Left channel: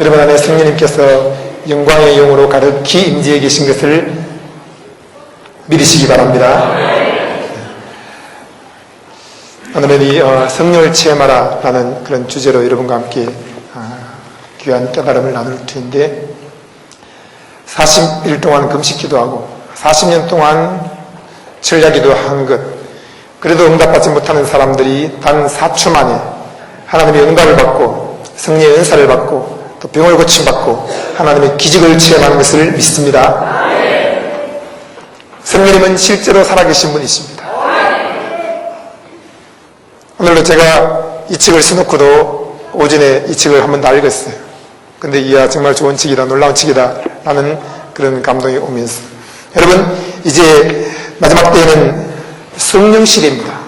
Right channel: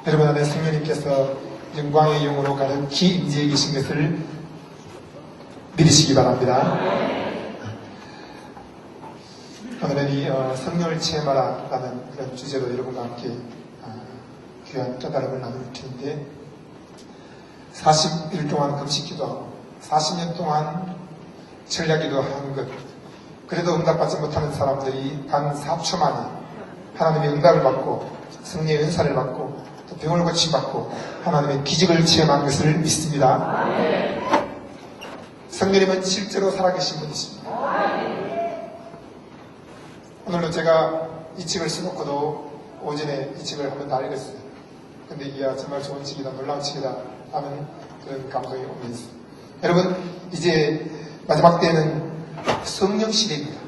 여러분 안에 성령님께서 영광의 영으로 가득히 임재해 계신 것을 믿으시기 바랍니다. 오늘은 이 어, 성령을 체험하라라는 그런 주제로 여러분과 함께 아, 귀한 깨달음을 나눌 터인데 40일 동안 금식 기도 하고 40년 동안 철야기도 한 것, 그래도 응답받지 못하는 사람들이 단 4초 만에 하나님의 응답을 받고 성령의 은사를 받고 또 병을 고침받고 하나님의 기적을 체험하는 것을 믿습니다. 성령님은 실제로 살아계신 분이십니다. 오늘도 제가 이 책을 써놓고도 오전에 이 책을 한번 다 읽었어요. 근데 이야 정말 좋은 책이다, 놀라운 책이다 라는 그런 감동이 오면서 여러분 이제 마지막 때에는 성령 시대입니다.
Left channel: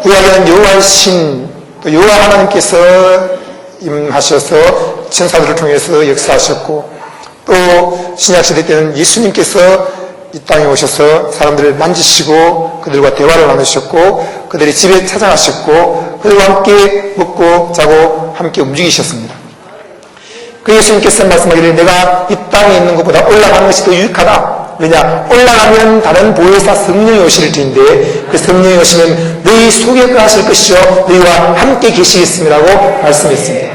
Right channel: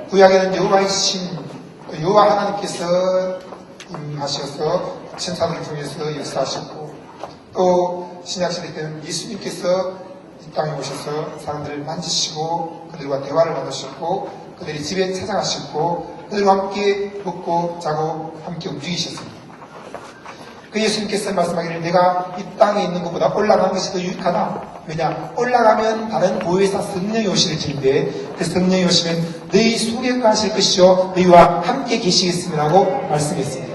구약에는 여호와 신, 또 여호와 하나님께서 임하셔서 천사들을 통해서 역사하셨고 또 신약 시대 때는 예수님께서 이 땅에 오셔서 사람들을 만지시고 그들과 대화를 나누셨고 그들이 집에 찾아가셨고 그들과 함께 먹고 자고 함께 움직이셨습니다. 그 예수님께서 말씀하기를 내가 이 땅에 있는 것보다 올라가는 것이 더 유익하다. 왜냐? 올라가면 다른 보혜사 성령이 오실 텐데 그 성령이 오시면 너희 속에 거하실 것이요 너희와 함께 계시겠습니다라고 말씀했습니다.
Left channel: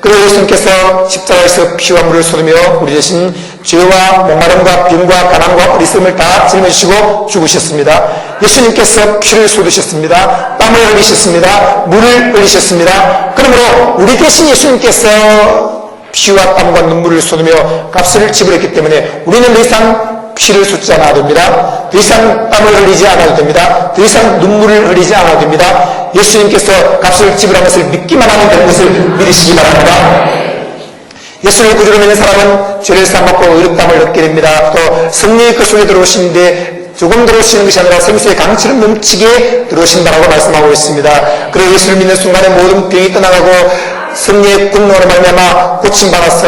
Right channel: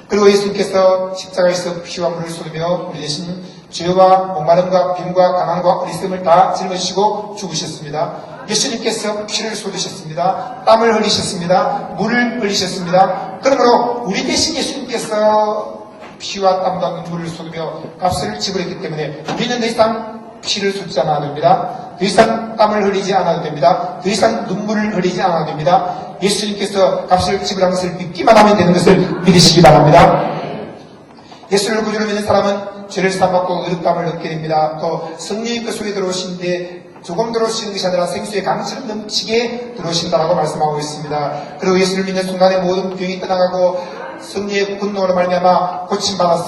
그리고 예수님께서 십자가에서 피와 물을 쏟으며 우리 대신 죄와 목마름과 빈과 가난과 어리석음을 다 짊어지시고 죽으셨습니다. 예수님께서 피를 쏟으셨습니다. 땀을 흘리셨습니다. 물을 흘리셨습니다. 그러므로 우리 대신 예수님께서 피와 땀과 눈물을 쏟으며 값을 지불했기 때문에 우리는 더 이상 피를 쏟지 않아도 됩니다. 더 이상 땀을 흘리지 않아도 됩니다. 더 이상 눈물을 흘리지 않아도 됩니다. 예수님께서 값을 지불한 것을 믿기만 하면 되는 것을 믿으시기 바랍니다. 예수를 구주로 믿는 사람은 죄를 사함받고 의롭담을 얻게 됩니다. 또 성령의 그 속에 들어오시는데 조금 들어오시는 것이 아니라 성수의 강처럼 넘치게 들어오신다고 말씀하고 있습니다. 그리고 예수를 믿는 순간에 모든 병이 떠나가고 성령의 분노로 말미암아 고침받아서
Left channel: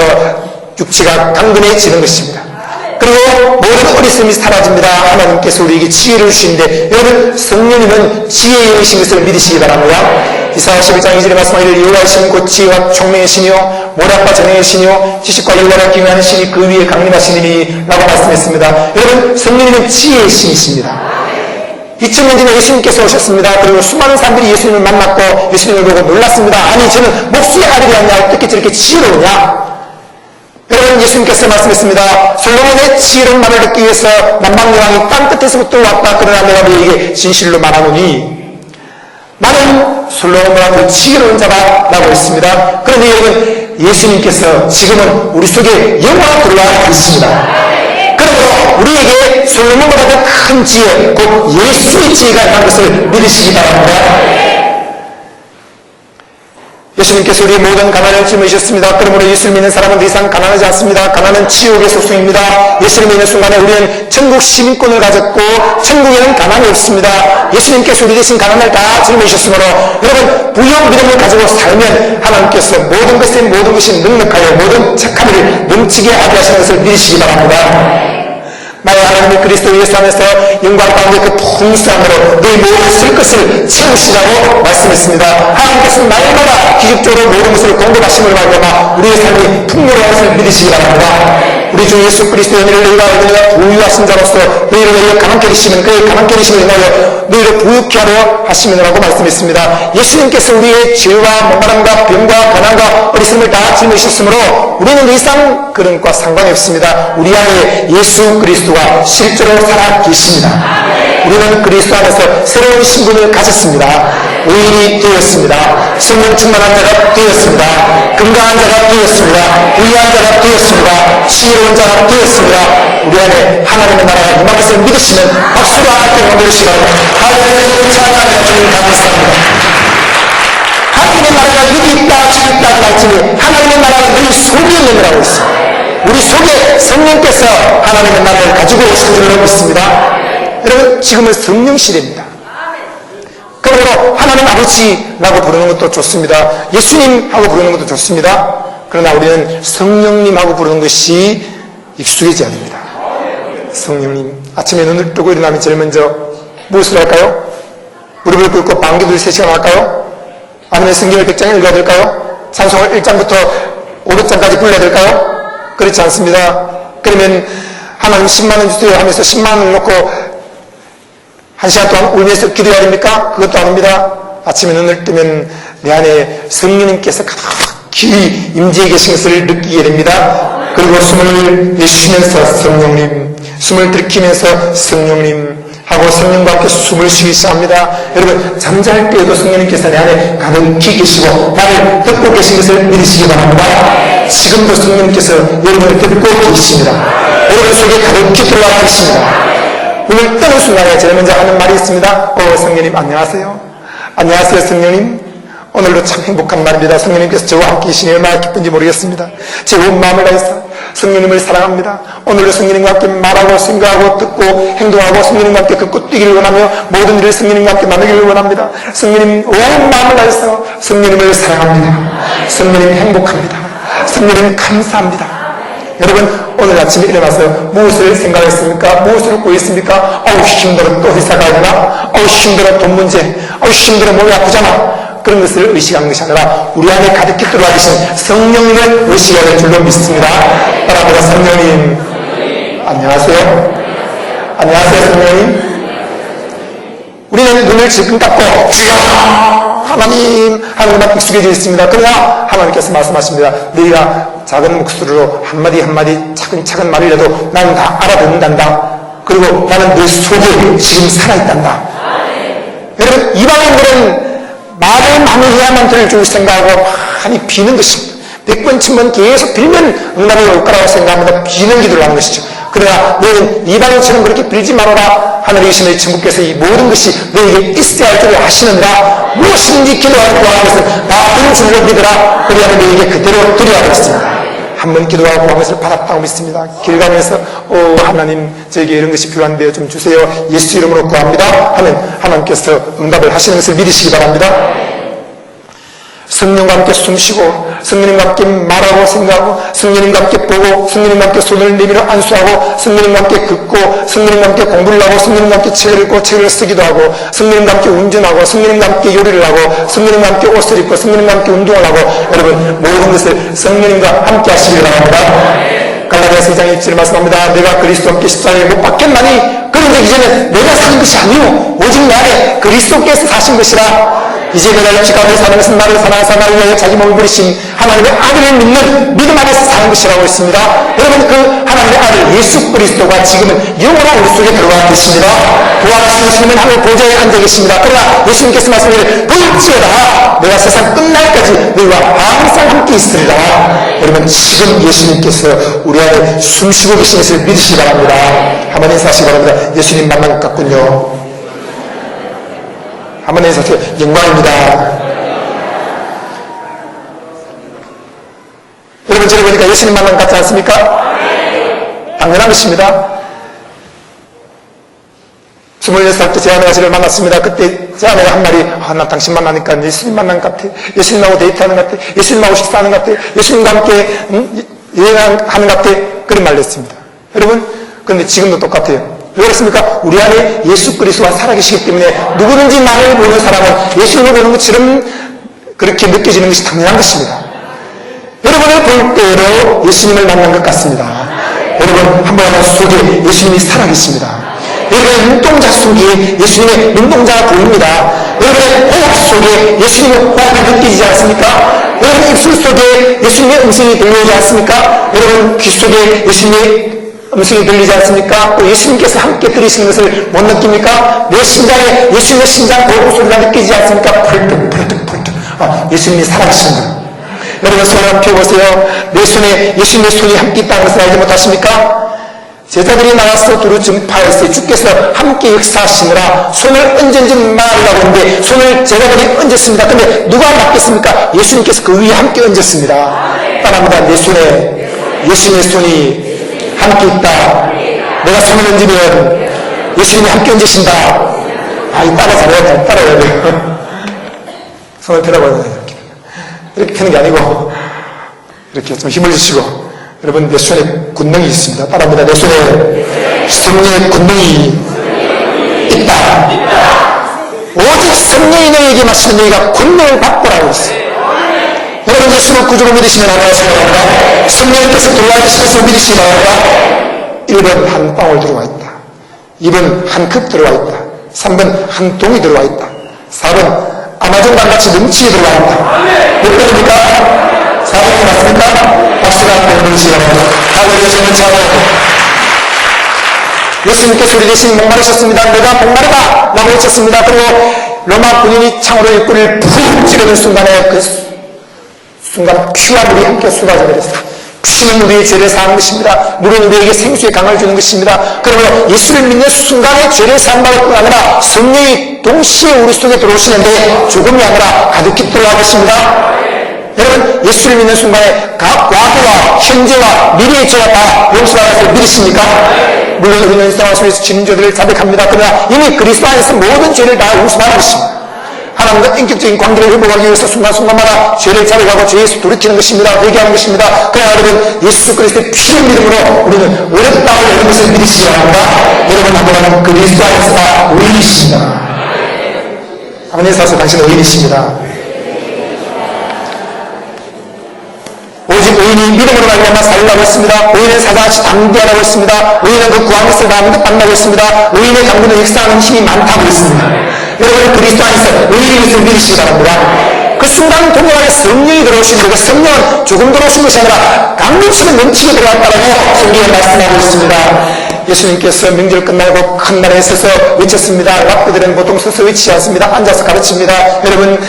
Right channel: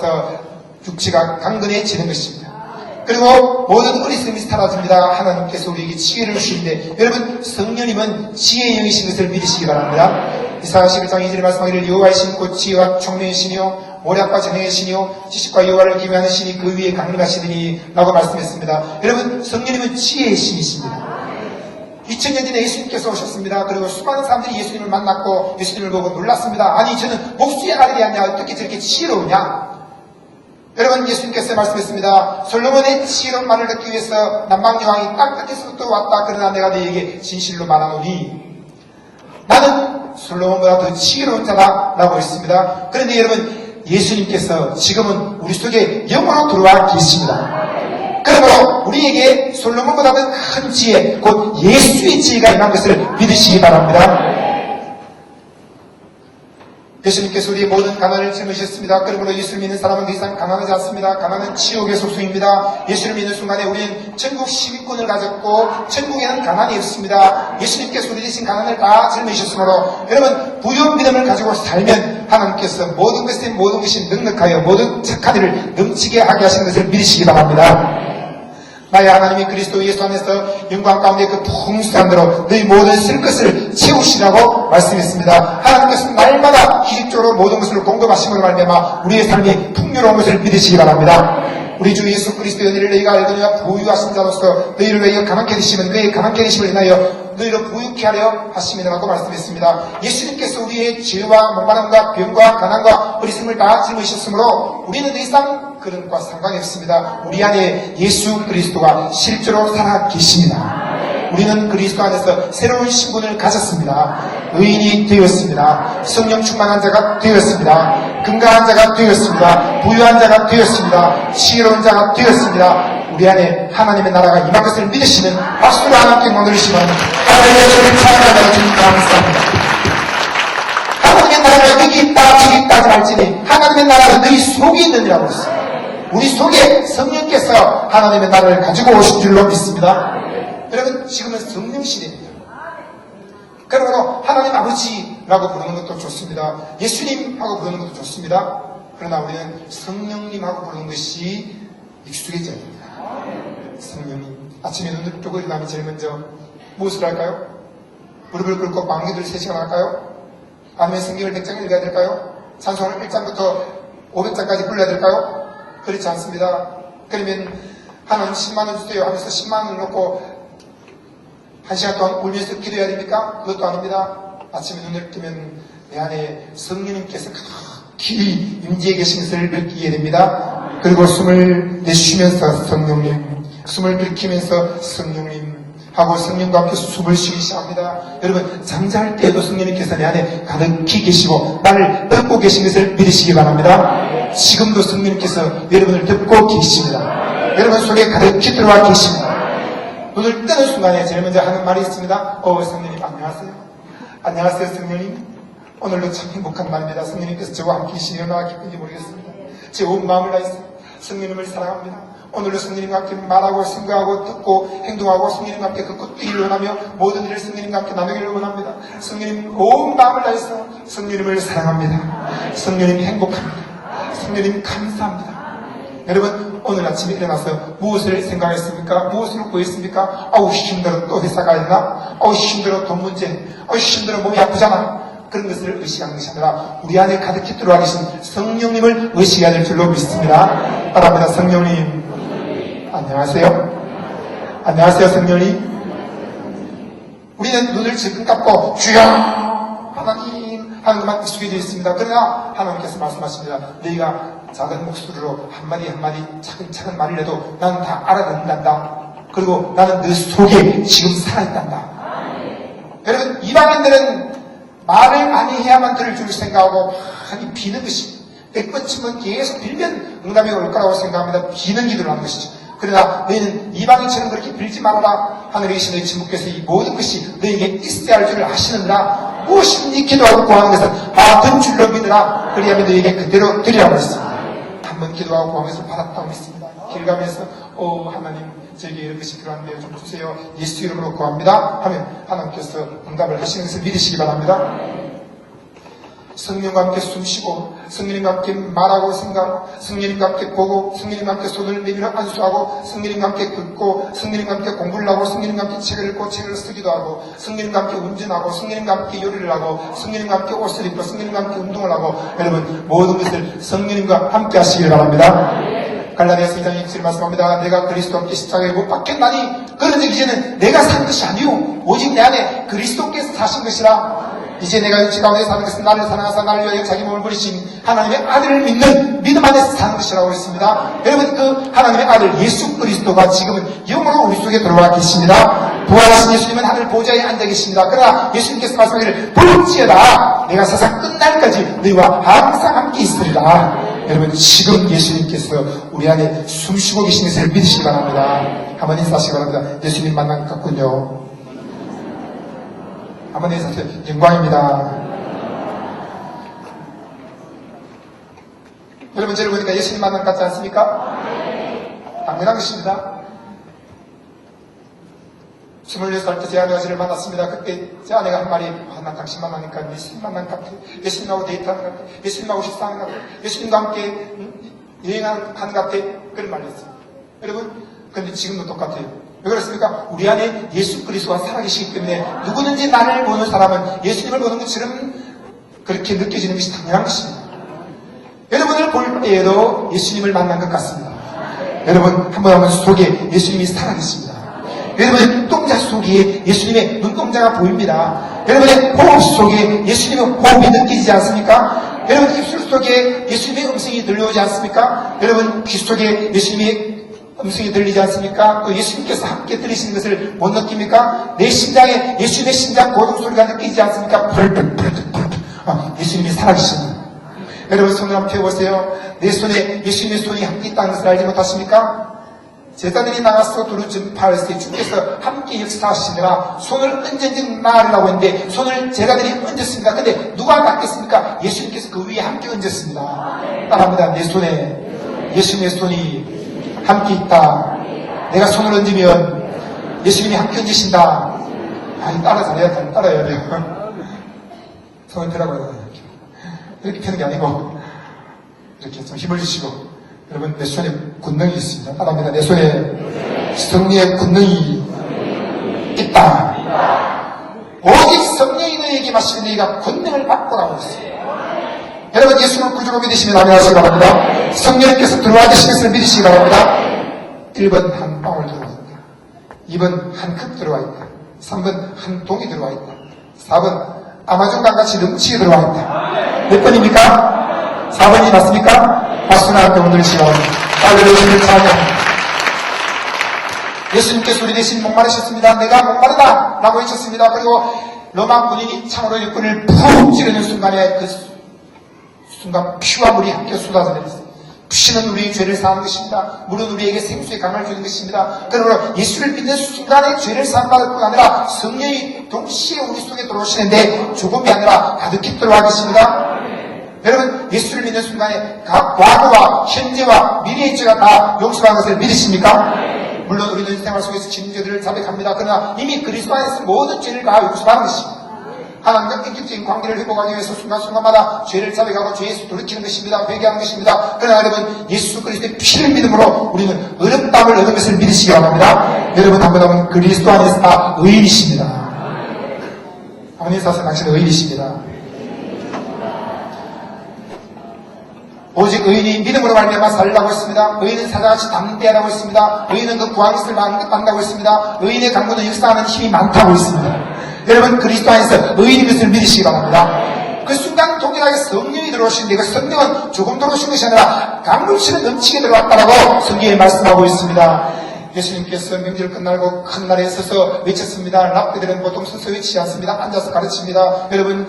육체가 강건해지는 것입니다. 그리고 모든 어리석음이 사라집니다. 하나님께서 우리에게 지혜를 주시는데 여러분 성령님은 지혜의 영이신 것을 믿으시기 바랍니다. 이사야 11장 2절에 말씀하기를 여호와이신 곧 지혜와 총명의 신이요 모략과 전능의 신이요 지식과 영원한 기능하는 신이 그 위에 강림하신 이니 라고 말씀했습니다. 여러분 성령님은 지혜의 신이십니다. 2000년 전에 예수님께서 오셨습니다. 그리고 수많은 사람들이 예수님을 만났고 예수님을 보고 놀랐습니다. 아니 저는 목수의 아들이 아니냐 어떻게 저렇게 지혜로우냐 여러분 예수님께서 말씀했습니다. 솔로몬의 지혜로운 말을 듣기 위해서 남방여왕이 땅끝에서부터 왔다. 그러나 내가 너에게 진실로 말하노니 나는 솔로몬보다 더 지혜로운 자다 라고 했습니다. 그런데 여러분 예수님께서 지금은 우리 속에 영광 들어와 있습니다. 그래서 우리에게 솔로몬보다 더 큰 지혜, 곧 예수의 지혜가 있는 것을 믿으시기 바랍니다. 예수님께서 우리의 모든 가난을 짊어지셨습니다. 그러므로 예수를 믿는 사람은 더 이상 가난하지 않습니다. 가난은 지옥의 소송입니다. 예수를 믿는 순간에 우리는 천국 시민권을 가졌고 천국에는 가난이 없습니다. 예수님께서 우리 대신 가난을 다 짊어지셨으므로 여러분 부여 믿음을 가지고 살면 하나님께서 모든 것에 모든 것이 능력하여 모든 착함을 넘치게 하게 하시는 것을 믿으시기 바랍니다. 만약 하나님이 그리스도 예수 안에서 영광 가운데 그 풍성함으로 너희 모든 쓸 것을 채우시라고 말씀했습니다. 하나님께서 날마다 기적적으로 모든 것을 공급하심을 말미암아 우리의 삶이 풍요로운 것을 믿으시기 바랍니다. 우리 주 예수 그리스도의 은혜를 너희가 얻으며 부유하 신 자로서 너희를 너희를 가난케 하시면 그의 가난케 하심을 인하여 너희를 부유케 하려 하시면이라고 말씀했습니다. 예수님께서 우리의 죄와 목마름과 병과 가난과 어리석음을 다 짊어지셨으므로 우리는 더 이상 그런 것과 상관이 없습니다. 우리 안에 예수 그리스도가 실제로 살아 계십니다. 우리는 그리스도 안에서 새로운 신분을 가졌습니다. 의인이 되었습니다. 성령 충만한 자가 되었습니다. 건강한 자가 되었습니다. 부유한 자가 되었습니다. 지혜로운 자가 되었습니다. 우리 안에 하나님의 나라가 임할 것을 믿으시는 박수로 함께 보내시면 하나님의 찬양하는 주님 감사합니다. 하나님의 나라가 여기 있다 저기 있다 말씀이 하나님의 나라가 우리 속에 있는 거라고 있습니다. 우리 속에 성령께서 하나님의 나라를 가지고 오신 줄로 믿습니다. 여러분 지금은 성령 시대입니다. 그러므로 하나님 아버지라고 부르는 것도 좋습니다. 예수님하고 부르는 것도 좋습니다. 그러나 우리는 성령님하고 부르는 것이 익숙해져야 됩니다. 성령님 아침에 눈을 뜨고 일어나면 제일 먼저 무엇을 할까요? 무릎을 꿇고 방귀를 3시간 할까요? 아니면 성경을 100장 읽어드릴까요? 찬송을 1장부터 500장까지 불러야 될까요? 그렇지 않습니다. 그러면 하나님 10만원 주세요 하면서 10만원을 놓고 한 시간 동안 울면서 기도해야 됩니까? 그것도 아닙니다. 아침에 눈을 뜨면 내 안에 성령님께서 가득히 임재해 계신 것을 느끼게 됩니다. 그리고 숨을 내쉬면서 성령님, 숨을 들이키면서 성령님 하고 성령과 함께 숨을 쉬기 시작합니다. 여러분 잠잘 때에도 성령님께서 내 안에 가득히 계시고 나를 듣고 계신 것을 믿으시기 바랍니다. 지금도 성령님께서 여러분을 듣고 계십니다. 여러분 속에 가득히 들어와 계십니다. 눈을 뜨는 순간에 제일 먼저 하는 말이 있습니다. 어, 성령님 안녕하세요. 안녕하세요, 성령님. 오늘도 참 행복한 날입니다. 성령님께서 저와 함께 계시니 얼마나 기쁜지 모르겠습니다. 제 온 마음을 다해서 성령님을 사랑합니다. 오늘도 성령님과 함께 말하고 생각하고 듣고 행동하고 성령님과 함께 걷고 뛰기를 원하며 모든 일을 성령님과 함께 나누기를 원합니다. 성령님 온 마음을 다해서 성령님을 사랑합니다. 성령님 행복합니다. 성령님 감사합니다. 여러분 오늘 아침에 일어나서 무엇을 생각했습니까? 무엇을 꾸했습니까? 어우 힘들어. 또 회사 가야 되나? 어우 힘들어. 돈 문제. 어우 힘들어. 몸이 아프잖아. 그런 것을 의식하는 것이 아니라 우리 안에 가득히 들어와 계신 성령님을 의식하는 줄로 믿습니다. 따라합니다. 성령님. 안녕하세요. 안녕하세요 성령님. 우리는 눈을 지금 닫고 주여 하나님 하나님만 익숙해져 있습니다. 그러나 하나님께서 말씀하십니다. 너희가 작은 목소리로 한마디 한마디 차근차근 말을 해도 나는 다 알아듣는단다. 그리고 나는 너 속에 지금 살아있단다. 여러분 이방인들은 말을 많이 해야만 될줄 생각하고 많이 비는 것입니다. 백 번, 천번 계속 빌면 응답이 올 거라고 생각합니다. 비는 기도를 하는 것이죠. 그러나 너희는 이방인처럼 그렇게 빌지 말아라. 하늘에 계신 너희 천국께서 이 모든 것이 너희에게 있어야 할 줄을 아시느니라. 무엇인지 기도하고 구하는 것은 나쁜 줄로 믿으라. 그래야 너희에게 그대로 드려야 하겠습니다. 한번 기도하고 구한 것을 받았다고 믿습니다. 길 가면서 오 하나님 저에게 이런 것이 필요한데요. 좀 주세요. 예수 이름으로 구합니다. 하면 하나님께서 응답을 하시는 것을 믿으시기 바랍니다. 성령과 함께 숨쉬고 성령님과 함께 말하고 생각하고 성령님과 함께 보고 성령님과 함께 손을 내밀어 안수하고 성령님과 함께 긋고 성령님과 함께 공부를 하고 성령님과 함께 책을 읽고 책을 쓰기도 하고 성령님과 함께 운전하고 성령님과 함께 요리를 하고 성령님과 함께 옷을 입고 성령님과 함께 운동을 하고 여러분 모든 것을 성령님과 함께 하시기 바랍니다 갈라디아서 2장 1절 말씀합니다 내가 그리스도께 십자가에 못 박혔나니 그런데 이제는 내가 사는 것이 아니요 오직 내 안에 그리스도께서 사신 것이라 이제 내가 가운데 사는 나를 사랑하사 나를 위하여 자기 몸을 버리신 하나님의 아들을 믿는 믿음 안에서 사는 것이라고 했습니다. 여러분 그 하나님의 아들 예수 그리스도가 지금은 영으로 우리 속에 들어와 계십니다. 부활하신 예수님은 하늘 보좌에 앉아 계십니다. 그러나 예수님께서 말씀하시기를 볼지어다 내가 세상 끝날까지 너희와 항상 함께 있으리라. 여러분 지금 예수님께서 우리 안에 숨쉬고 계신 것을 믿으시기 바랍니다. 한번 인사하시기 바랍니다. 예수님 만난 것 같군요. 한번 인사하세요. 영광입니다. 여러분, 저를 보니까 예수님 만난 것 같지 않습니까? 당연한 것입니다. 26살 때 제 아내가 저를 만났습니다. 그때 제 아내가 한 말이, 아, 나 당신 만나니까 예수님 만난 것 같아. 예수님하고 데이트하는 것 같아. 예수님하고 식사하는 것 같아. 예수님과 함께 음, 여행하는 것 같아. 그런 말을 했습니다. 여러분, 그런데 지금도 똑같아요. 왜 그렇습니까? 우리 안에 예수 그리스도가 살아계시기 때문에 누구든지 나를 보는 사람은 예수님을 보는 것처럼 그렇게 느껴지는 것이 당연한 것입니다. 여러분을 볼 때로 예수님을 만난 것 같습니다. 여러분 한번 속에 예수님이 살아계십니다. 여러분의 눈동자 속에 예수님의 눈동자가 보입니다. 여러분의 호흡 속에 예수님의 호흡이 느껴지지 않습니까? 여러분의 입술 속에 예수님의 음성이 들리지 않습니까? 여러분 귀 속에 예수님의 음성이 들리지 않습니까? 또 예수님께서 함께 들으시는 것을 못 느낍니까? 내 심장에 예수님의 심장 고급 소리가 느끼지 않습니까? 펄떡 펄떡 펄떡 아, 예수님이 살아계신다. 여러분 손을 한번 펴보세요. 내 손에 예수님의 손이 함께 있다는 것을 알지 못하십니까? 제자들이 나와서 두루 증파했어요. 주께서 함께 역사하시느라 손을 얹은지 말으라고 했는데 손을 제자들이 얹었습니다. 근데 누가 맡겼습니까? 예수님께서 그 위에 함께 얹었습니다. 따라합니다. 내 손에 예수님의 손이 함께 있다. 내가 손을 얹으면 예수님이 함께 얹으신다. 아, 이 따라 잘해야 따라해야 돼요. 손을 펴라고. 이렇게. 이렇게 펴는 게 아니고, 이렇게 좀 힘을 주시고, 여러분, 내 손에 군능이 있습니다. 따라합니다. 내 손에 성령의 군능이 있다. 오직 너에게 마시는 너희가 군능을 받고라고 했어요. 여러분, 예수 예수를 구주로 믿으시면 나가시기 바랍니다. 성령님께서 돌아가시면서 믿으시기 바랍니다. 1번 한 방울 들어와 있다. 2번 한 컵 들어와 있다. 3번 한 동이 들어와 있다. 4번 아마존과 같이 넘치게 들어와 있다. 몇 번입니까? 4번 맞습니까? 박수가 하나 되시기 바랍니다. 다음에 저는 차원에 예수님께 소리 대신 목마르셨습니다. 내가 목마르다! 라고 외쳤습니다. 그리고 로마 군인이 창으로 일꾼을 푹 찌르는 순간에 그 순간 피와 물이 함께 쏟아져 버렸어요. 피는 우리의 죄를 사한 것입니다. 물은 우리에게 생수의 강을 주는 것입니다. 그러므로 예수를 믿는 순간에 죄를 뿐 아니라 성령이 동시에 우리 속에 들어오시는데 조금이 아니라 가득히 들어가는 것입니다. 여러분 예수를 믿는 순간에 각 과거와 현재와 미래의 죄가 다 용서받는 것을 믿으십니까? 물론 우리는 일상 속에서 지는 죄들을 자백합니다. 그러나 이미 그리스도 안에서 모든 죄를 다 용서받는 것입니다. 하나님과 인격적인 관계를 회복하기 위해서 순간순간마다 죄를 자백하고 죄에서 돌이키는 것입니다. 회개하는 것입니다. 그러나 여러분 예수 그리스도의 피를 믿음으로 우리는 어렵다고 여러 것을 믿으시기 바랍니다. 여러분 하나님은 그리스도 안에서 다 의인이십니다. 하나님 사서 당신은 의인이십니다. 오직 의인이 믿음으로 말미암아 살리라고 했습니다. 의인은 사자같이 담대하라고 했습니다. 의인은 그 구한 것을 다 만나고 했습니다. 의인의 당부는 역사하는 힘이 많다고 했습니다. 여러분 그리스도 안에서 의인인 것을 믿으시기 바랍니다. 그 순간 동안에 성령이 들어오신 그 성령은 조금 들어오신 것이 아니라 강림처럼 넘치게 들어왔다고 성경에 말씀하고 있습니다. 예수님께서 명절 끝나고 큰 날에 서서 외쳤습니다. 랍비들은 보통 서서 외치지 않습니다. 앉아서 가르칩니다. 여러분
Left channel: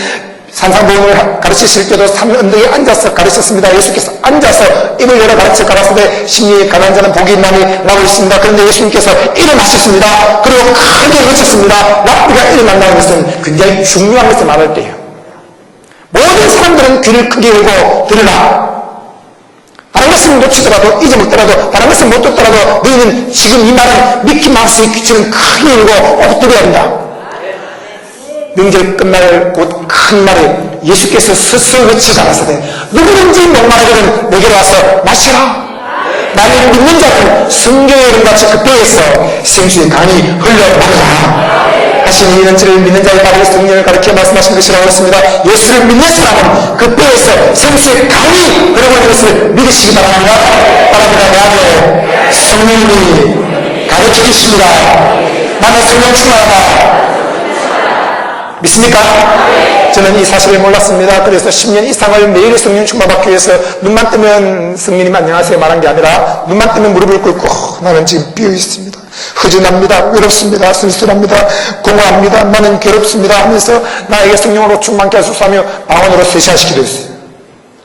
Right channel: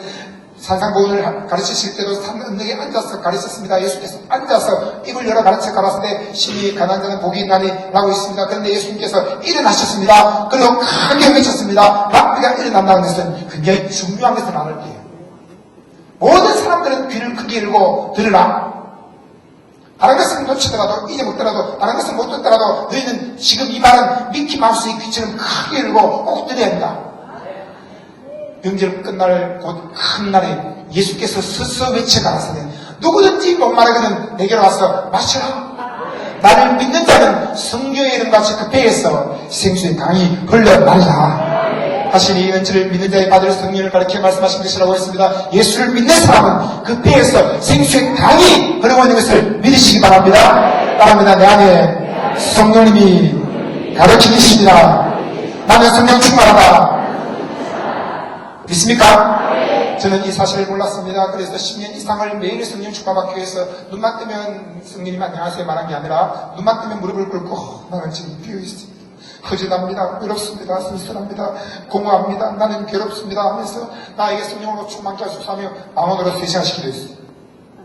산상보험을 가르치실 때도 산 언덕에 앉아서 가르쳤습니다. 예수께서 앉아서 입을 열어 가르쳐 가라사대 심리 가난 자는 복이 있나니 라고 있습니다. 그런데 예수님께서 일어나셨습니다. 그리고 크게 외쳤습니다. 랍비가 일어난다는 것은 굉장히 중요한 것을 말할 때예요. 모든 사람들은 귀를 크게 열고 들으라. 다른 것은 놓치더라도 잊어먹더라도 다른 것은 못 듣더라도 너희는 지금 이 말은 미키 마우스의 귀처럼 크게 열고 꼭 들어야 된다. 명절 끝날 곧 큰 날에 예수께서 스스로 외치지 않았으되 누구든지 목마르거든 내게로 와서 마시라. 나를 믿는 자는 성경의 이름같이 그 배에서 생수의 강이 흘러나오라. 하신 이는 저를 믿는 자의 발에 성령을 가르쳐 말씀하신 것이라고 했습니다. 예수를 믿는 사람은 그 배에서 생수의 강이 흘러가는 것을 믿으시기 바랍니다. 바랍니다. 나의 성령이 가르쳐 주십니다. 나는 성령 충만하다. 믿습니까? 저는 이 사실을 몰랐습니다. 그래서 10년 이상을 매일 성령 충만받기 위해서 눈만 뜨면 성령님 안녕하세요 말한 게 아니라 눈만 뜨면 무릎을 꿇고 나는 지금 비어 있습니다. 허전합니다. 외롭습니다. 쓸쓸합니다. 공허합니다. 나는 괴롭습니다. 하면서 나에게 성령으로 충만케 하소서하며 방언으로 세시간씩 기도 했어요.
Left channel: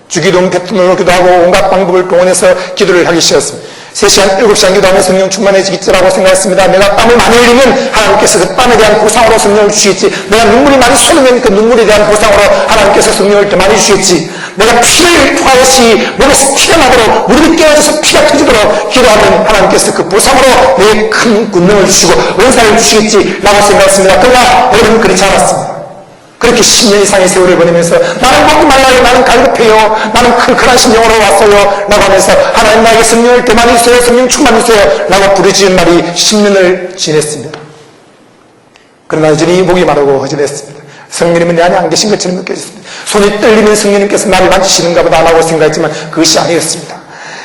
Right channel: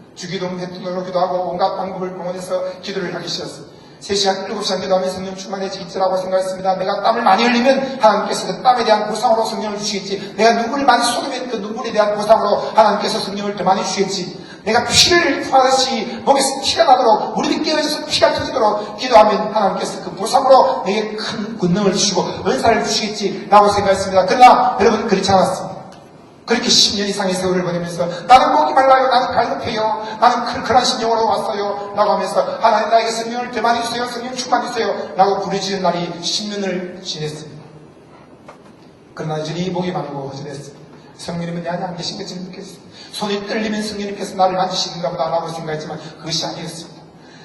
주기도 베푼을 기도하고 온갖 방법을 동원해서 기도를 하기 시작했습니다. 3시간, 7시간 기도하면 성령 충만해지겠지라고 생각했습니다. 내가 땀을 많이 흘리면 하나님께서 그 땀에 대한 보상으로 성령을 주시겠지. 내가 눈물이 많이 쏟으면 그 눈물에 대한 보상으로 하나님께서 성령을 더 많이 주시겠지. 내가 피를 토하듯이 몸에서 피가 나도록 무릎이 깨어져서 피가 터지도록 기도하면 하나님께서 그 보상으로 내큰 군능을 주시고 은사를 주시겠지. 라고 생각했습니다. 그러나 여러분 그렇지 않았습니다. 그렇게 10년 이상의 세월을 보내면서 나는 먹고 말라요 나는 갈급해요 나는 클클한 심령으로 왔어요 라고 하면서 하나님 나에게 성령을 더 많이 주세요 성령 충만 주세요 라고 부르짖은 날이 10년을 지냈습니다. 그러나 여전히 목이 마르고 허전했습니다. 성령님은 내 안에 안 계신 것처럼 느껴졌습니다. 손이 떨리면 성령님께서 나를 만지시는가 보다 라고 생각했지만 그것이 아니었습니다.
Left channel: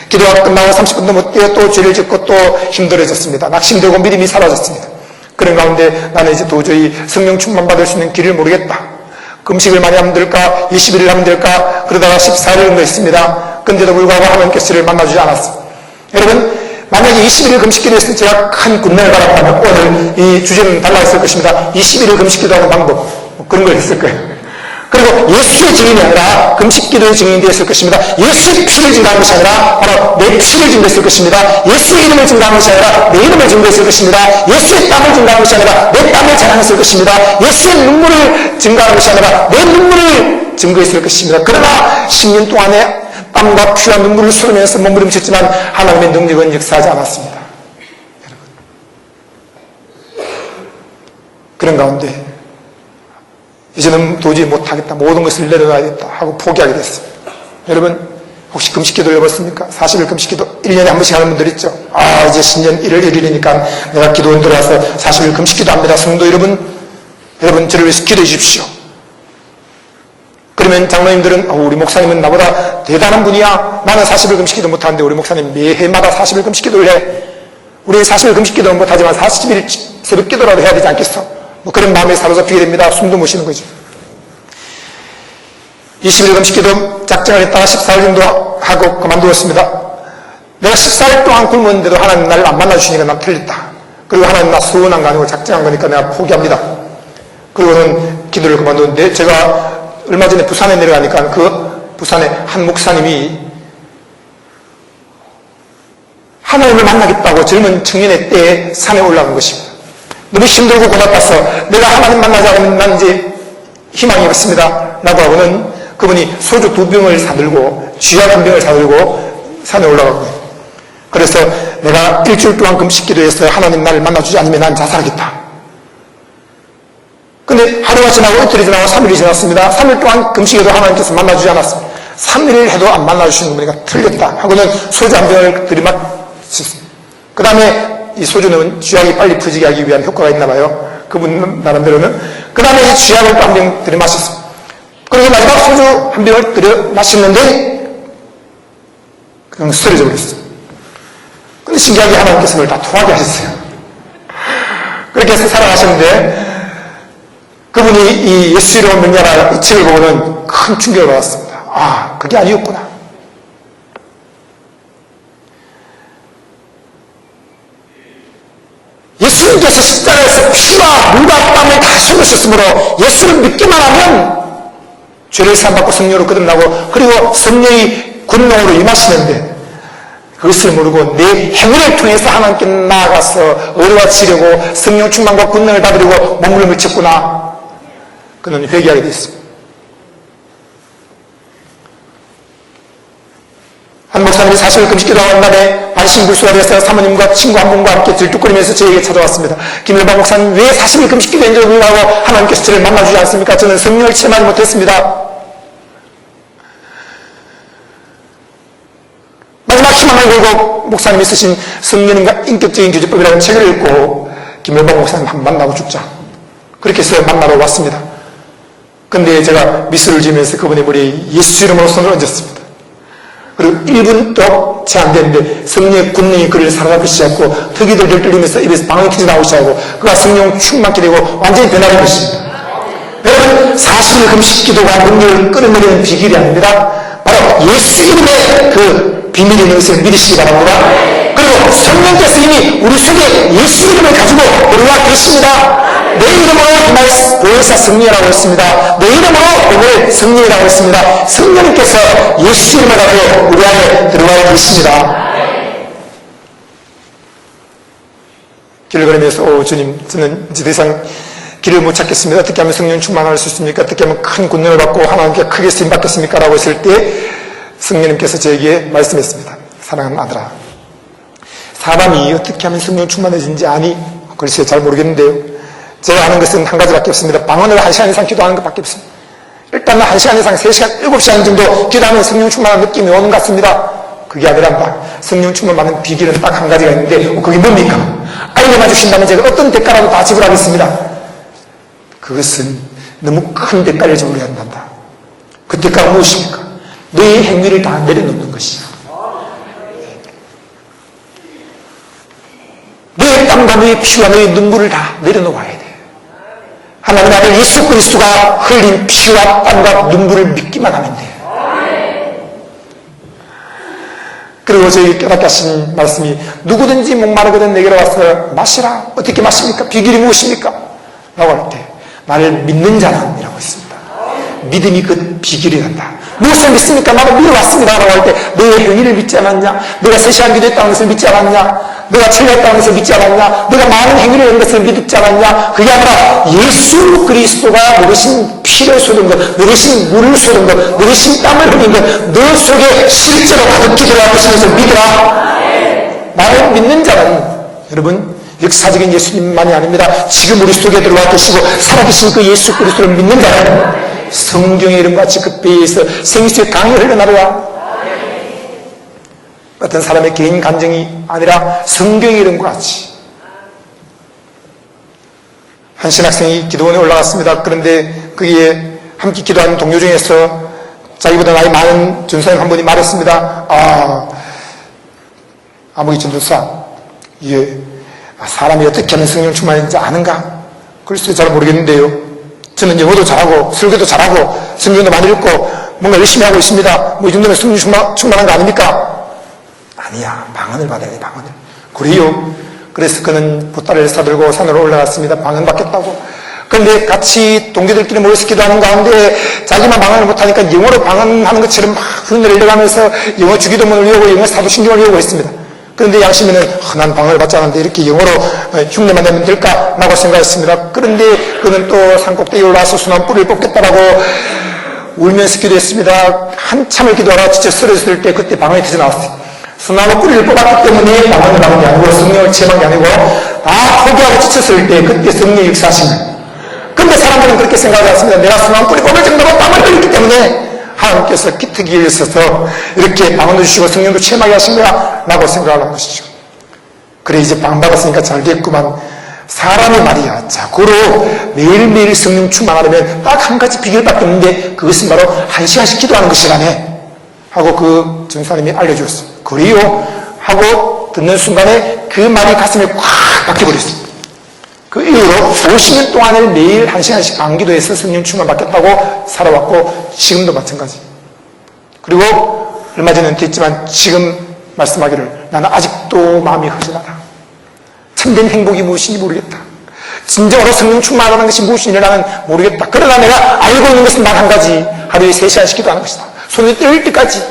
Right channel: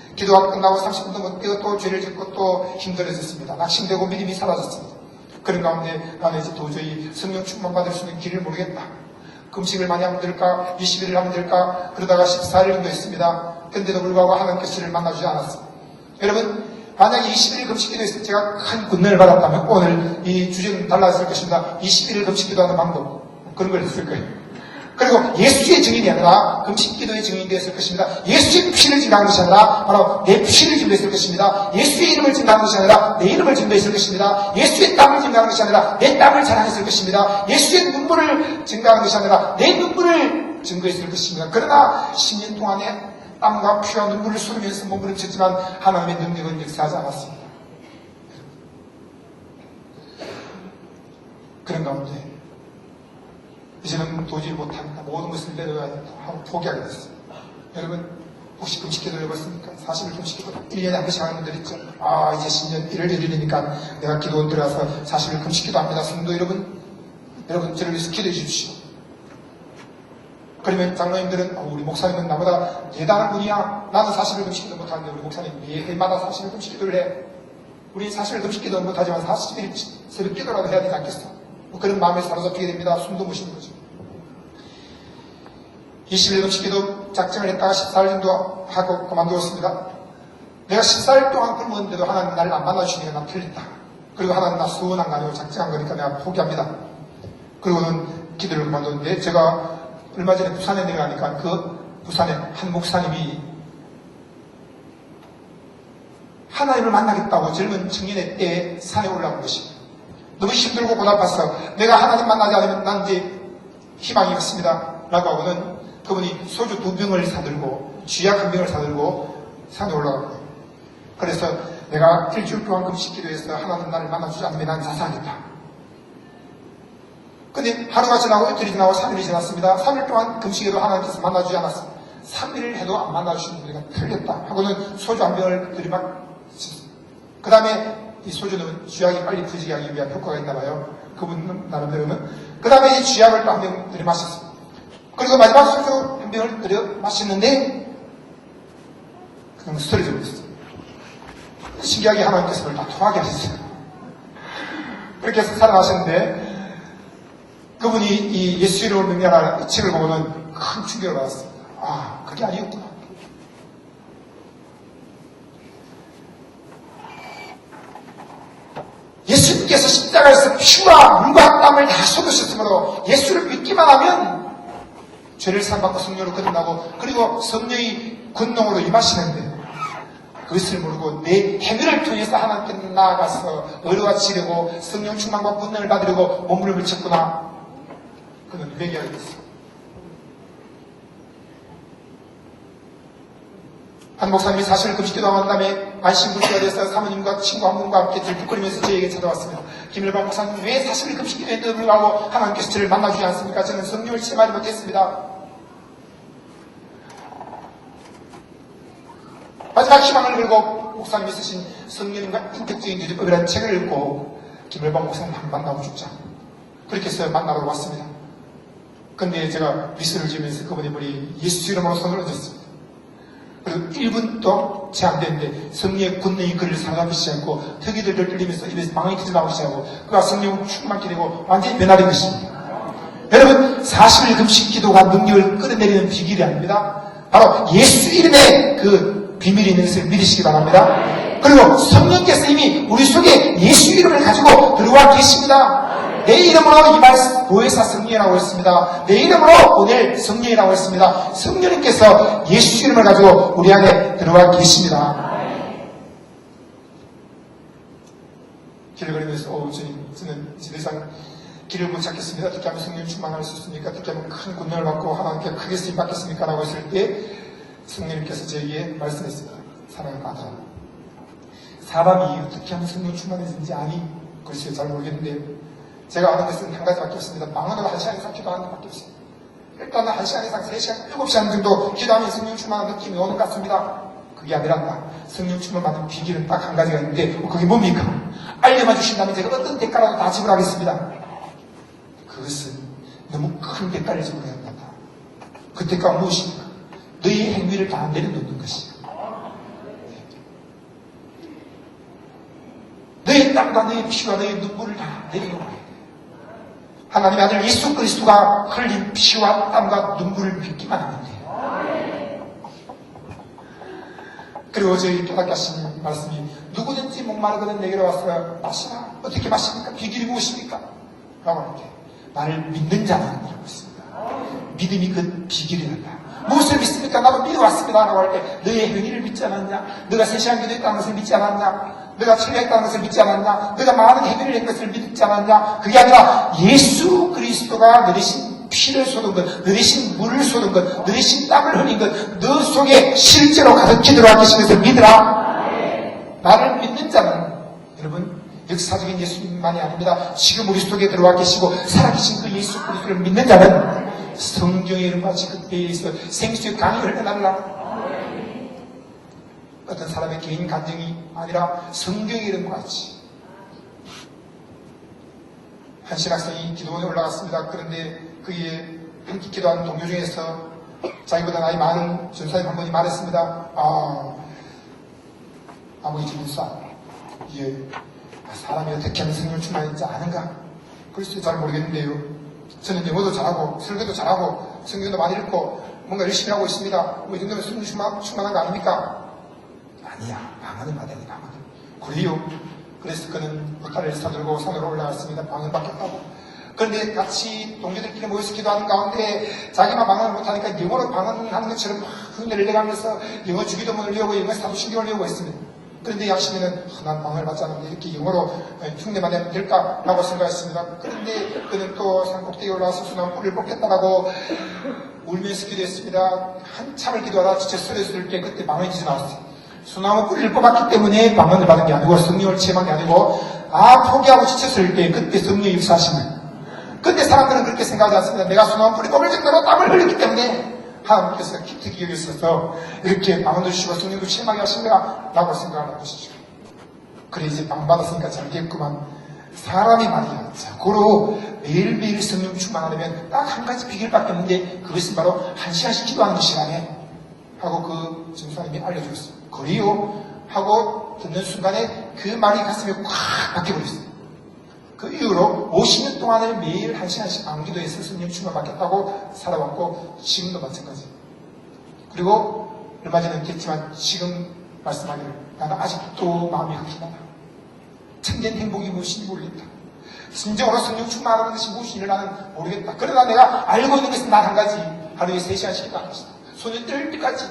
기도가 끝나고 30분도 못 되어 또 죄를 짓고 또 힘들어졌습니다. 낙심되고 믿음이 사라졌습니다 그런 가운데 나는 이제 도저히 성령 충만 받을 수 있는 길을 모르겠다. 금식을 많이 하면 될까? 20일을 하면 될까? 그러다가 14일 정도 했습니다. 근데도 불구하고 하나님께서 저를 만나주지 않았습니다. 여러분, 만약에 21일 금식기도 했을 때 제가 큰 가라고 하면 오늘 이 주제는 달라졌을 것입니다. 21일 금식기도 하는 방법. 뭐 그런 걸 했을 거예요. 그리고 예수의 증인이 아니라 금식기도의 증인이 되었을 것입니다. 예수의 피를 증가한 것이 아니라 바로 내 피를 증거했을 것입니다. 예수의 이름을 증가한 것이 아니라 내 이름을 증거했을 것입니다. 예수의 땀을 증가한 것이 아니라 내 땀을 자랑했을 것입니다. 예수의 눈물을 증가한 것이 아니라 내 눈물을 증거했을 것입니다. 그러나 10년 동안에 땀과 피와 눈물을 쏟으면서 몸부림쳤지만 하나님의 능력은 역사하지 않았습니다. 여러분. 그런 가운데 이제는 도저히 못하겠다. 모든 것을 내려놔야겠다. 하고 포기하게 됐습니다. 여러분, 혹시 금식기도 해봤습니까? 사실 금식기도 1년에 한 번씩 하는 분들 있죠. 아, 이제 신년 1월 1일이니까 내가 기도원 들어와서 사실 금식기도 합니다. 성도 여러분, 여러분, 저를 위해서 기도해 주십시오. 그러면 장로님들은 어, 우리 목사님은 나보다 대단한 분이야. 나는 40일 금식기도 못하는데 우리 목사님 매해마다 40일 금식기도를 해. 우리는 40일 금식기도는 못하지만 40일 새벽 기도라도 해야 되지 않겠어? 뭐 그런 마음에 사로잡히게 됩니다. 숨도 못 쉬는 거죠. 20일 금식기도 작정을 했다가 14일 정도 하고 그만두었습니다. 내가 14일 동안 굶었는데도 하나님 나를 안 만나주시니까 난 틀렸다. 그리고 하나님 나 수원한 거 아니고 작정한 거니까 내가 포기합니다. 그리고는 기도를 그만두는데 제가 얼마 전에 부산에 내려가니까 그 부산에 한 목사님이 하나님을 만나겠다고 젊은 청년의 때에 산에 올라간 것입니다. 너무 힘들고 고달파서 내가 하나님 만나지 않으면 난 이제 희망이 없습니다. 라고 하고는 그분이 소주 두 병을 사들고 쥐약 한 병을 사들고 산에 올라가고 그래서 내가 일주일 동안 금식 기도해서 하나님 나를 만나주지 않으면 난 자살하겠다. 근데 하루가 지나고 이틀이 지나고 3일이 지났습니다. 3일 동안 금식에도 하나님께서 만나주지 않았습니다. 3일 해도 안 만나주시는 분이니까 틀렸다. 하고는 소주 한 병을 들이마셨습니다. 그 다음에 이 소주는 쥐약이 빨리 퍼지게 하기 위한 효과가 있나 봐요. 그분 나름대로는. 그 다음에 이 쥐약을 또한병 들이마셨습니다. 그리고 마지막 소주 한 병을 들이마셨는데 그냥 쓰러져 버렸어요. 근데 신기하게 하나님께서 그걸 다 통하게 하셨어요. 그렇게 해서 살아가셨는데 그분이 이 예수 이름을 명령하라 이 책을 보고는 큰 충격을 받았습니다. 아, 그게 아니었구나. 예수님께서 십자가에서 피와 물과 땀을 다 쏟으셨으므로 예수를 믿기만 하면 죄를 사함받고 성령으로 거듭나고 그리고 성령이 군능으로 임하시는데 그것을 모르고 내 행위를 통해서 하나님께 나아가서 의로와 지려고 성령 충만과 군능을 받으려고 몸을 미쳤구나. 그는 회개하게 됐습니다. 한 목사님이 사실 금식기도 한 다음에 반신불수가 돼서 사모님과 친구 한 분과 함께 들뚝거리면서 저에게 찾아왔습니다. 김일방 목사님 왜 40일 금식기도 했는지 몰라고 하나님께서 저를 만나주지 않습니까? 저는 성령을 체험하지 못했습니다. 마지막 희망을 걸고 목사님이 쓰신 성령인과 인격적인 교제법이라는 책을 읽고 김일방 목사님 한 번 만나고 죽자. 그렇게 해서 만나러 왔습니다. 근데 제가 미술을 지으면서 그분의 머리에 예수 이름으로 손을 얹었습니다. 그리고 1분도 채안 됐는데 성령의 군능이 그를 사로잡기 시작하고 턱이들들 떨리면서 입에서 터져 나오기 시작하고 그가 성령 충만케 되고 완전히 변하는 것입니다. 여러분 사실 금식 기도가 능력을 끌어내리는 비결이 아닙니다. 바로 예수 이름의 그 있는 것을 믿으시기 바랍니다. 그리고 성령께서 이미 우리 속에 예수 이름을 가지고 들어와 계십니다. 내 이름으로 이말 보혜사 성령이라고 했습니다. 내 이름으로 오늘 성령이라고 했습니다. 성령님께서 예수 이름을 가지고 우리 안에 들어와 계십니다. 길을 걸으면서 오 주님 저는 이제 더 이상 길을 못 찾겠습니다. 어떻게 하면 성령 충만할 수 있습니까? 어떻게 하면 큰 군능을 받고 하나님께 크게 쓰임 받겠습니까? 라고 했을 때 성령님께서 저에게 말씀했습니다. 사랑하는 아들아 사람이 어떻게 하면 성령 충만해지는지 아니? 글쎄 잘 모르겠는데요. 제가 하는 것은 한 가지밖에 없습니다. 방언을 한 시간 이상 기도하는 것밖에 없습니다. 일단은 한 시간 이상, 세 시간, 일곱 시간 정도 기도하면 성령 충만한 느낌이 오는 것 같습니다. 그게 아니란다. 성령 충만 받는 비결은 딱 한 가지가 있는데, 어, 그게 뭡니까? 알려만 주신다면 제가 어떤 대가라도 다 지불하겠습니다. 그것은 너무 큰 대가를 지불해야 한단다. 그 대가가 무엇입니까? 너의 행위를 다 내려놓는 것이야. 너의 땀과 너의 피와 너의 눈물을 다 내려놓아야 돼. 하나님 아들 예수 그리스도가 흘린 피와 땀과 눈물을 믿기만 하면 돼. 그리고 저희 깨닫게 하신 말씀이 누구든지 목마르거든 내게로 와서 마시라. 어떻게 마십니까? 비결이 무엇입니까? 라고 할 때 나를 믿는 자는 이라고 했습니다. 믿음이 그 비결이란다. 무엇을 믿습니까? 나도 믿어왔습니다. 라고 할 때 너의 행위를 믿지 않았냐? 너가 세시간 기도했다는 것을 믿지 않았냐? 너가 철회했다는 것을 믿지 않았냐? 너가 많은 행위를 한 것을 믿지 않았냐? 그게 아니라 예수 그리스도가 너르신 피를 쏟은 것, 너르신 물을 쏟은 것, 너르신 땀을 흘린 것, 너 속에 실제로 가득히 들어가신 것을 믿으라. 나를 믿는 자는 여러분 역사적인 예수님만이 아닙니다. 지금 우리 속에 들어와 계시고 살아계신 그 예수 그리스도를 믿는 자는 성경의 이름같이 그 배에서 생수의 강이 흘러나려와 어떤 사람의 개인 감정이 아니라 성경의 이름과 같이 한 신학생이 기도원에 올라갔습니다. 그런데 거기에 함께 기도하는 동료 중에서 자기보다 나이 많은 전사님 한 분이 말했습니다. 아, 아무기 전도사, 아, 사람이 어떻게 하면 성령 충만인지 아는가? 글쎄 잘 모르겠는데요. 저는 영어도 잘하고 설교도 잘하고 성경도 많이 읽고 뭔가 열심히 하고 있습니다. 뭐 이 정도면 성령 충만, 충만한 거 아닙니까? 아니야. 방언을 받아야 돼, 방언을. 그래요. 그래서 그는 보따리를 사들고 산으로 올라갔습니다. 방언 받겠다고. 그런데 같이 동기들끼리 모여서 기도하는 가운데 자기만 방언을 못하니까 영어로 방언하는 것처럼 막 내가면서 영어 주기도문을 외우고 영어 사도신경을 외우고 있습니다. 그런데 양심에는 어, 난 방언을 받지 않았는데 이렇게 영어로 어, 흉내만 내면 될까 라고 생각했습니다. 그런데 그는 또 산꼭대기에 올라와서 순한 뿌리를 뽑겠다라고 울면서 기도했습니다. 한참을 기도하다 지쳐 쓰러졌을 때 그때 방언이 터져 나왔어요. 순나무 뿌리를 뽑았기 때문에 방언을 받은 게 아니고 성령을 체험한 게 아니고 다 포기하고 지쳤을 때 그때 성령이 역사하신 거예요. 근데 사람들은 그렇게 생각하지 않습니다. 내가 순나무 뿌리 뽑을 정도로 방언을 흘렸기 때문에 하나님께서 기특이에 있어서 이렇게 방언을 주시고 성령도 체험하게 하신 거야 라고 생각을 하는 것이죠. 그래 이제 방 받았으니까 잘겠구만. 사람의 말이야. 자고로 매일매일 성령 충만하려면 딱 한 가지 비결밖에 없는데 그것은 바로 한 시간씩 기도하는 것이라네. 하고 그 전사님이 알려주었어. 그래요? 하고 듣는 순간에 그 말이 가슴에 꽉 박혀버렸어 그 이후로 50년 동안을 매일 한 시간씩 방기도해서 성령 충만 받겠다고 살아왔고 지금도 마찬가지 그리고 얼마 전에 은퇴했지만 지금 말씀하기를 나는 아직도 마음이 허전하다 참된 행복이 무엇인지 모르겠다. 진정으로 성령 충만하는 것이 무엇인지 나는 모르겠다. 그러나 내가 알고 있는 것은 단 한 가지. 하루에 세 시간씩 기도하는 것이다. 손이 떨릴 때까지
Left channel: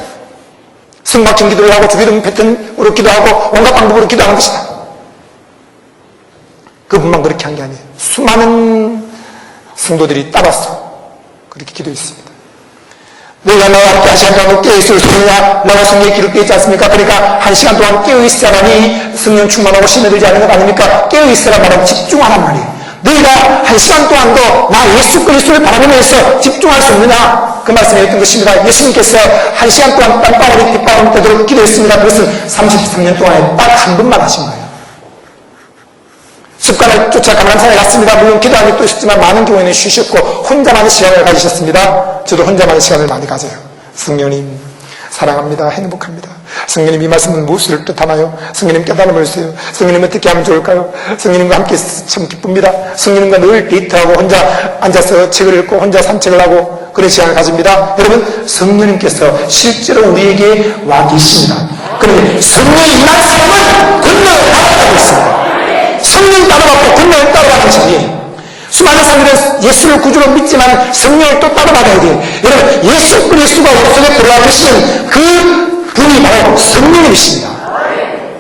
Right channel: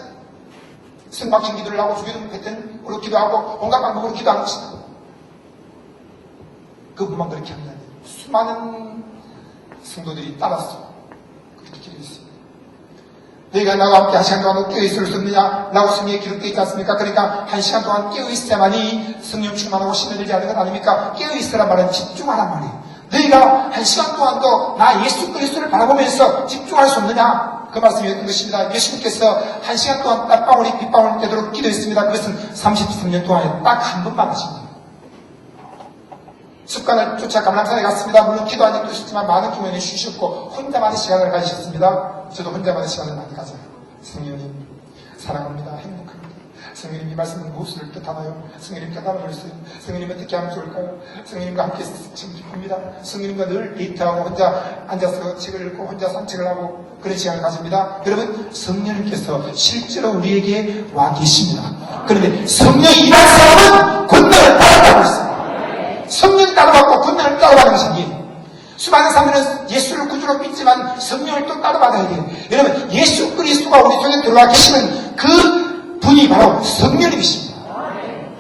성막전 기도를 하고 주기도 패턴으로 기도하고 온갖 방법으로 기도하는 것이다. 그분만 그렇게 한 게 아니에요. 수많은 성도들이 따라서 그렇게 기도했습니다. 내가 나와 함께 한 시간 동안 깨어있을 수 있느냐? 라고 성경에 기록되어 있지 않습니까? 그러니까 한 시간 동안 깨어있어야만이 성령 충만하고 심해들지 않는 것 아닙니까? 깨어있으라 말하면 집중하란 말이에요. 너희가 한 시간 동안도 나 예수 그리스도를 바라보면서 집중할 수 있느냐? 그 말씀이었던 것입니다. 예수님께서 한 시간 동안 땀방울이 빗방울 되도록 기도했습니다. 그것은 33년 동안에 딱 한 번만 하신 거예요. 습관을 쫓아 감람산에 갔습니다. 물론 기도하는 또 있었지만 많은 경우에는 쉬셨고 혼자만의 시간을 가지셨습니다. 저도 혼자만의 시간을 많이 가져요. 성령님 사랑합니다. 행복합니다. 성령님 이 말씀은 무엇을 뜻하나요? 성령님 깨달음을 주세요. 성령님 어떻게 하면 좋을까요? 성령님과 함께 참 기쁩니다. 성령님과 늘 데이트하고 혼자 앉아서 책을 읽고 혼자 산책을 하고 그런 시간을 가집니다. 여러분 성령님께서 실제로 우리에게 와 계십니다. 그런데 성령이 임한 사람은 권능을 받아가고 있습니다. 성령 따라가고 권능을 따라가시니 수많은 사람들은 예수를 구주로 믿지만 성령을 또 따라받아야 돼요. 여러분 예수 그리스도가 우리 속에 들어와 계시는 그 분이 바로 성령이십니다.